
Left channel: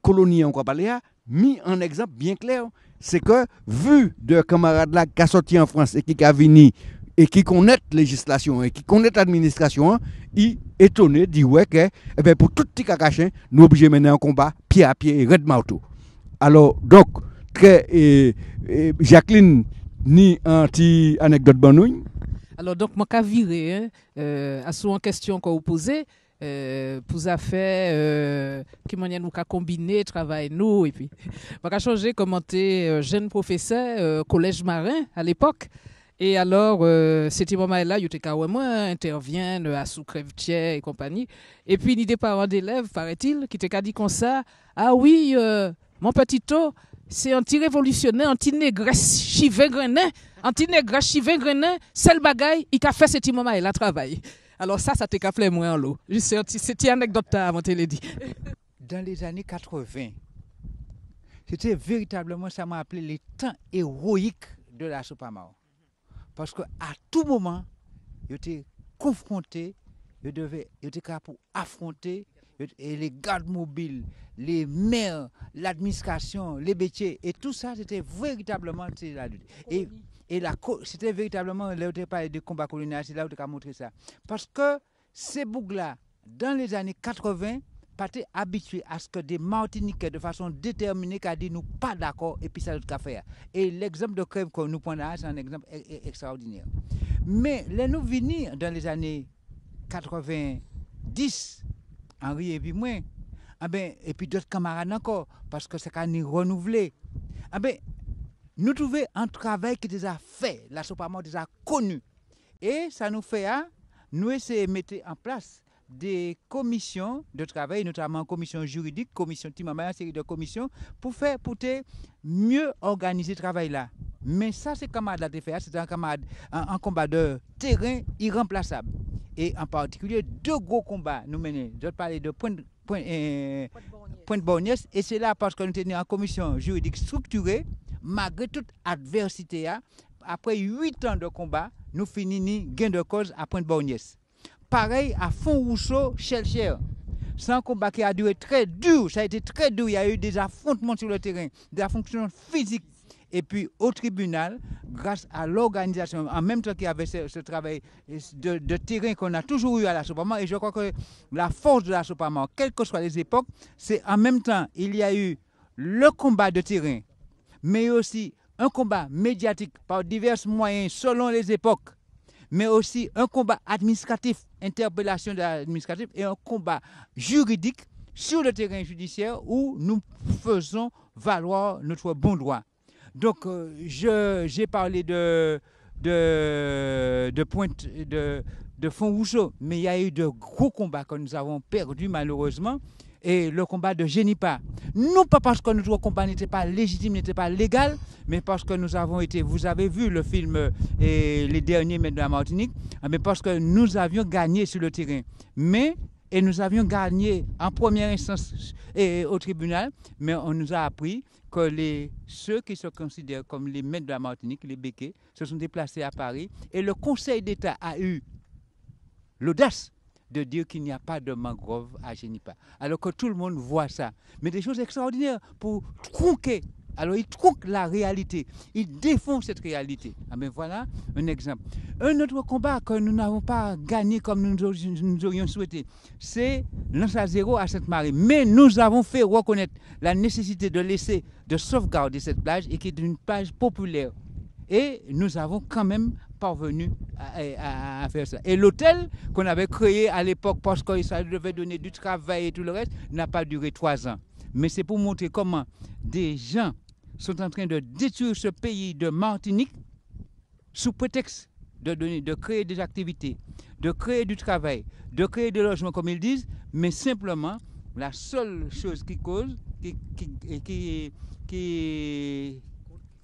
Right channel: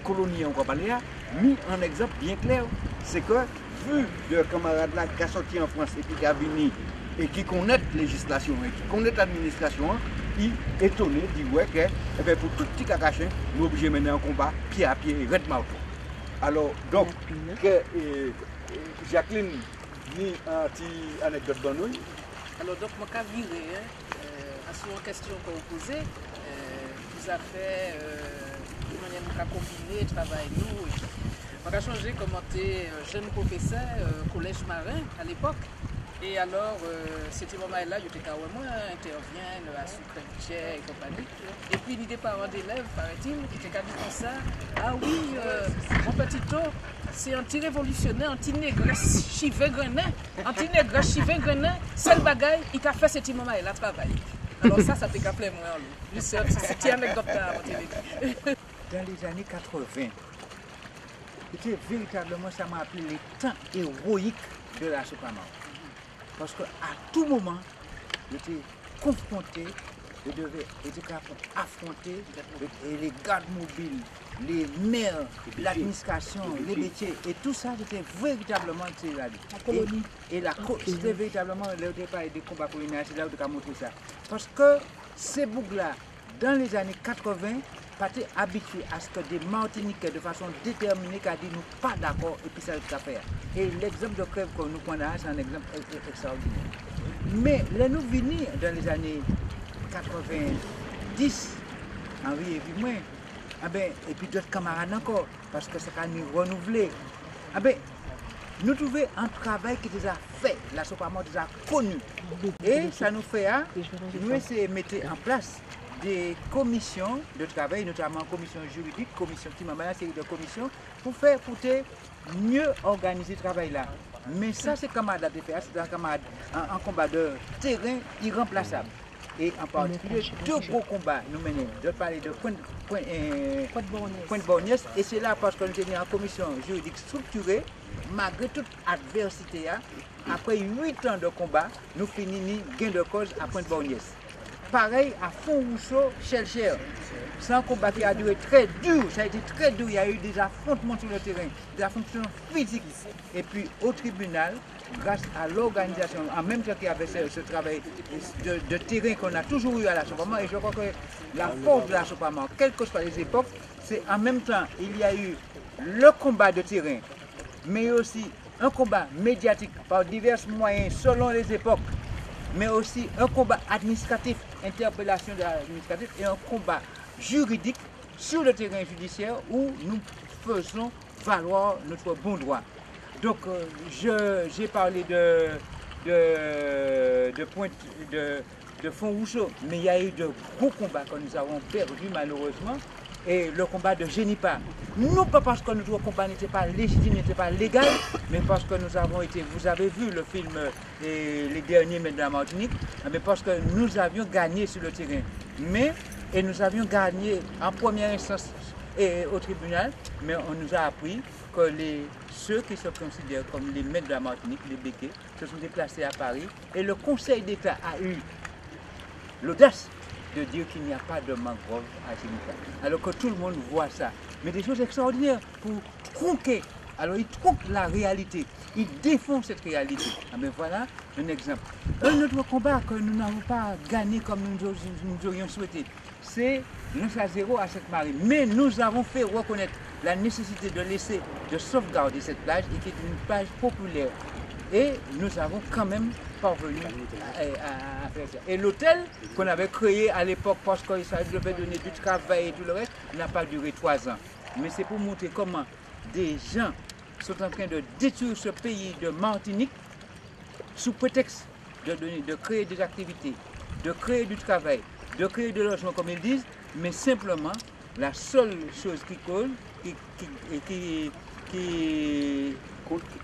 colonie encore parlé mis en exemple bien clair, c'est que vu de camarades là qui a sorti en France et qui a venu et qui connaît la législation et qui connaît l'administration, il est étonné, dit ouais que eh ben, pour tout petit cacachin, nous obligés de mener un combat pied à pied, red marteau. Alors donc Jacqueline ni un petit anecdote bonne. Alors donc moi qu'à virer à souvent question qu'on vous posez pour affaire qui manière nous qu'à combiner travail nous et puis on a changé commenter jeune professeur collège marin à l'époque. Et alors, c'était moment là, il était moi interviennent à sous-crèvetière et compagnie. Et puis, il y a des parents d'élèves, paraît-il, qui étaient dit comme ça, ah oui, mon petit tôt, c'est anti-révolutionnaire, anti-négresse, chivé grenin, anti-négresse, chivé grenin, c'est le bagaille, il a fait ce moment là, travail. Alors ça t'est qu'à plaire moi en l'eau. C'était une anecdote à mon télé dit. Dans les années 80, c'était véritablement, ça m'a appelé les temps héroïques de la Sopamao. Parce qu'à tout moment, j'étais confronté, j'étais capable pour affronter les gardes mobiles, les maires, l'administration, les métiers, et tout ça, c'était véritablement c'était véritablement le départ des combats coloniaux, c'est là où tu as montré ça. Parce que ces boucles-là, dans les années 80, pas été habitués à ce que des Martiniquais, de façon déterminée, qui dit nous pas d'accord et puis ça va faire. Et l'exemple de crève que nous prenons là, c'est un exemple extraordinaire. Mais là, nous venons dans les années 90, Henri et puis moi, et puis d'autres camarades encore, parce que c'est qu'à nous renouveler. Nous trouvons un travail qui déjà fait, la Sopamao déjà connu. Et ça nous fait, nous essayer de mettre en place des commissions de travail, notamment commission juridique, commission Timamba, série de commissions, pour mieux organiser le travail là. Mais ça, c'est camarade à faire, c'est un combat de terrain irremplaçable. Et en particulier, deux gros combats nous menons. Je parler de point de Borgnès, et c'est là parce que nous étions en commission juridique structurée, malgré toute adversité, après 8 ans de combat, nous finissons gain de cause à point de Borgnès. Pareil à Font-Rousseau, Chelcher. C'est un combat qui a duré très dur, ça a été très dur, il y a eu des affrontements sur le terrain, des affrontements physiques. Et puis au tribunal, grâce à l'organisation, en même temps qu'il y avait ce travail de terrain qu'on a toujours eu à la Sopamao, et je crois que la force de la Sopamao, quelles que soient les époques, c'est en même temps, il y a eu le combat de terrain, mais aussi un combat médiatique par divers moyens selon les époques, mais aussi un combat administratif interpellation de l'administratif et un combat juridique sur le terrain judiciaire où nous faisons valoir notre bon droit. Donc j'ai parlé de pointe de Font-Rousseau, mais il y a eu de gros combats que nous avons perdus malheureusement, et le combat de Génipa. Non pas parce que notre combat n'était pas légitime, n'était pas légal, mais parce que nous avons été, vous avez vu le film Les Derniers Maîtres de la Martinique, mais parce que nous avions gagné sur le terrain. Et nous avions gagné en première instance et au tribunal, mais on nous a appris que ceux qui se considèrent comme les maîtres de la Martinique, les béquets, se sont déplacés à Paris, et le Conseil d'État a eu l'audace de dire qu'il n'y a pas de mangrove à Génipa. Alors que tout le monde voit ça. Mais des choses extraordinaires pour tronquer. Alors ils tronquent la réalité. Ils défendent cette réalité. Mais voilà un exemple. Un autre combat que nous n'avons pas gagné comme nous aurions souhaité, c'est Lance à zéro à Sainte-Marie. Mais nous avons fait reconnaître la nécessité de sauvegarder cette plage et qui est une plage populaire. Et nous avons quand même parvenu à faire ça. Et l'hôtel qu'on avait créé à l'époque parce qu'il devait donner du travail et tout le reste n'a pas duré 3 ans. Mais c'est pour montrer comment des gens sont en train de détruire ce pays de Martinique sous prétexte de créer des activités, de créer du travail, de créer des logements comme ils disent, mais simplement la seule chose qui cause,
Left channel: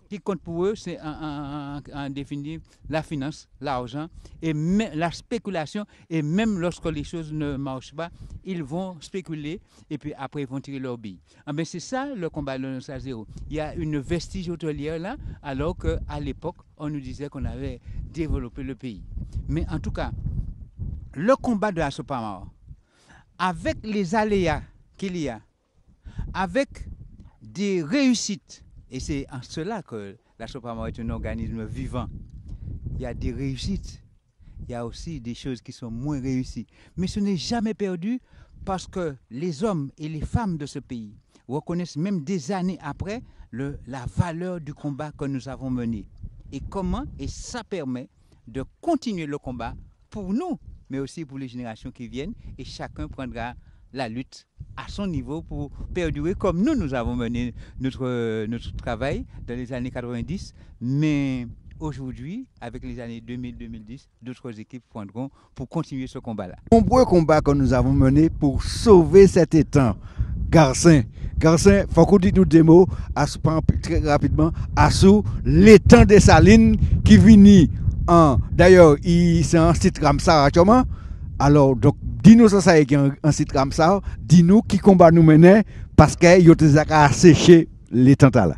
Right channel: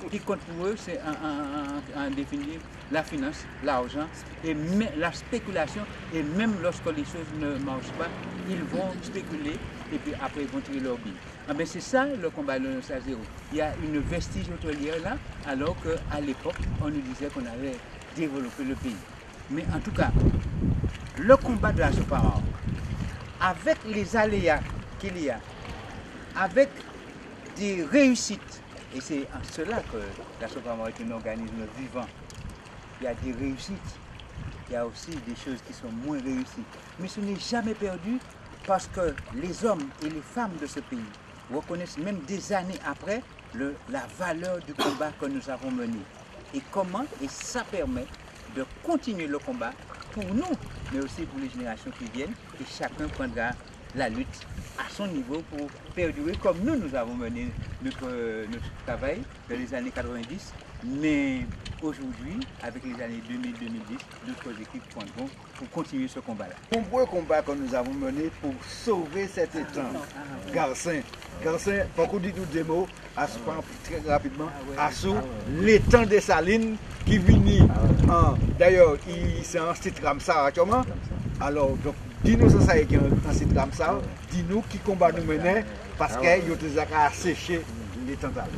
qui compte pour eux, c'est en définir la finance, l'argent et la spéculation. Et même lorsque les choses ne marchent pas, ils vont spéculer et puis après ils vont tirer leur bille. Mais c'est ça le combat de Lance à zéro. Il y a une vestige hôtelière là, alors qu'à l'époque, on nous disait qu'on avait développé le pays. Mais en tout cas, le combat de la Sopamar, avec les aléas qu'il y a, avec des réussites, et c'est en cela que la Sopamar est un organisme vivant. Il y a des réussites, il y a aussi des choses qui sont moins réussies. Mais ce n'est jamais perdu parce que les hommes et les femmes de ce pays reconnaissent même des années après la valeur du combat que nous avons mené. Et ça permet de continuer le combat pour nous, mais aussi pour les générations qui viennent. Et chacun prendra la lutte à son niveau pour perdurer comme nous avons mené notre travail dans les années 90. Mais aujourd'hui, avec les années 2000-2010, d'autres équipes prendront pour continuer ce combat-là. Nombreux combats que nous avons menés pour sauver cet étang. Garcin, il faut qu'on dise nous des mots, très rapidement, sur l'étang des Salines qui vient d'ailleurs, c'est un site Ramsar actuellement. Alors, donc, dis-nous ça, c'est un site Ramsar, dis-nous qui combat nous menait parce qu'il y a séché l'étang là.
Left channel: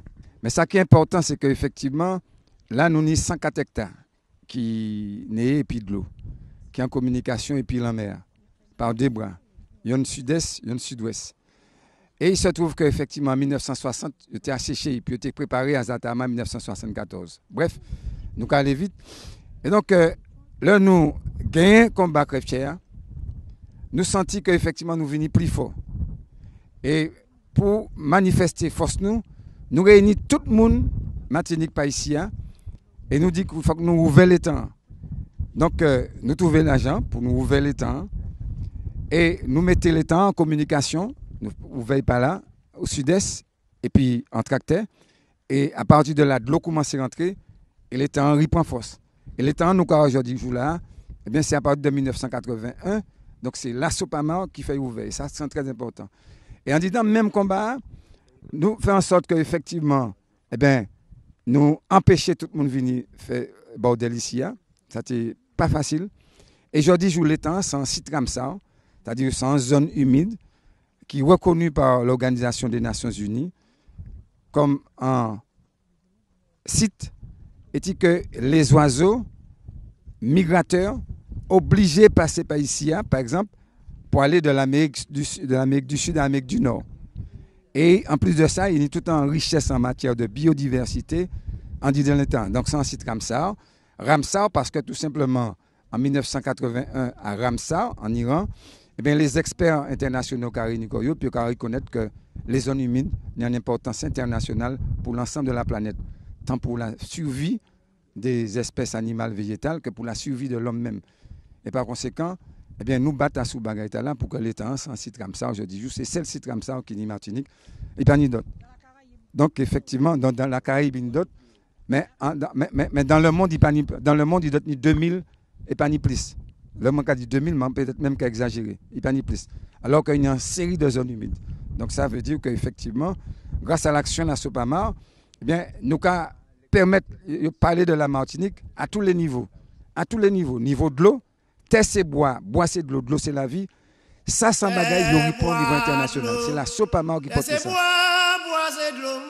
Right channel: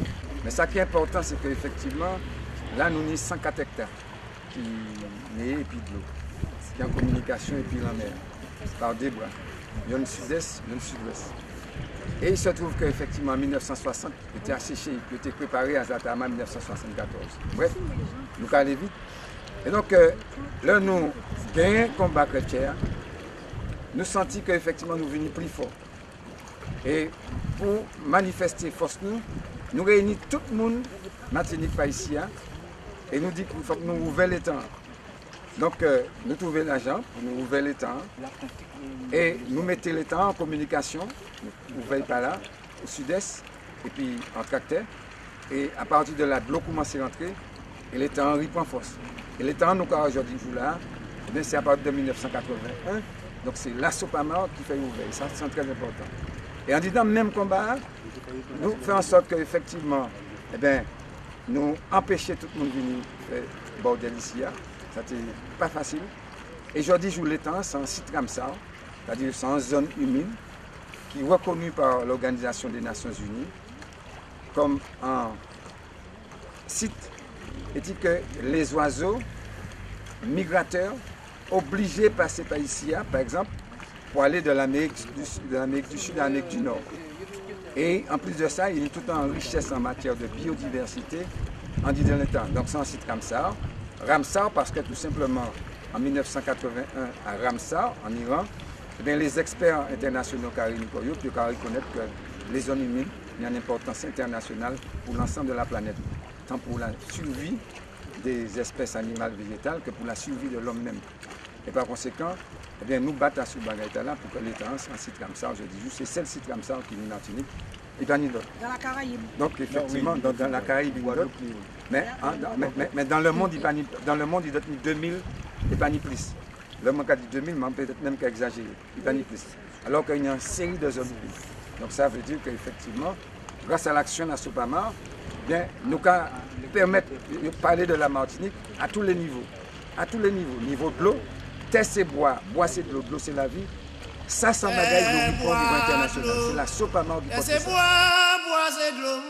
Mais ce qui est important, c'est qu'effectivement, là, nous avons 104 hectares qui nés et puis de l'eau, qui est en communication et puis la mer, par 2 bras. Il y a une sud-est, il y a une sud-ouest. Et il se trouve qu'effectivement, en 1960, il était asséché, il était préparé à Zatama en 1974. Bref, nous allons aller vite. Et donc, là, nous gagnons combat crève-chair, nous sentons qu'effectivement, nous venons plus fort. Et pour manifester force nous réunissons tout le monde, Martinique pas ici, et nous disons qu'il faut que nous ouvrions les temps. Donc, nous trouvons l'argent pour nous ouvrir les temps. Et nous mettons les temps en communication, nous ouvrons par là, au sud-est, et puis en tracteur. Et à partir de là, l'eau commence à rentrer, et les temps reprend force. Et les temps, nous, aujourd'hui, là, c'est à partir de 1981. Donc, c'est la Sopamar qui fait ouvrir. Ça, c'est très important. Et en disant même combat, nous faisons en sorte qu'effectivement, nous empêcher tout le monde de venir faire bordel ici. Ça n'était pas facile. Et aujourd'hui, je vous temps, c'est un site Ramsar, c'est-à-dire c'est une zone humide qui est reconnue par l'Organisation des Nations Unies comme un site et dit que les oiseaux migrateurs obligés de passer par ici, par exemple, pour aller de l'Amérique du Sud à l'Amérique du Nord. Et en plus de ça, il y a toute une richesse en matière de biodiversité en disant le temps. Donc c'est un site Ramsar. Ramsar parce que tout simplement, en 1981, à Ramsar, en Iran, les experts internationaux ont reconnaître que les zones humides ont une importance internationale pour l'ensemble de la planète, tant pour la survie des espèces animales végétales que pour la survie de l'homme même. Et par conséquent, Eh bien, nous battons sous bagaille là pour que l'État en site comme ça, aujourd'hui, juste c'est seul site comme ça qui est Martinique, et pas ni d'autres. Dans la Caraïbe. Donc, effectivement, dans la Caraïbe, il y a d'autres. Mais dans le monde, il y a 2000 et pas ni plus. Le monde a dit 2000, mais peut-être même qu'à exagérer. Il n'y a pas ni plus. Alors qu'il y a une série de zones humides. Donc, ça veut dire qu'effectivement, grâce à l'action de la Sopamar, bien, nous pouvons permettre de parler de la Martinique à tous les niveaux. À tous les niveaux. Niveau de l'eau, terre c'est bois c'est de l'eau c'est la vie. Ça, sans bagage, nous au niveau international. C'est la Sopamar qui porte ça. Bois c'est de l'eau,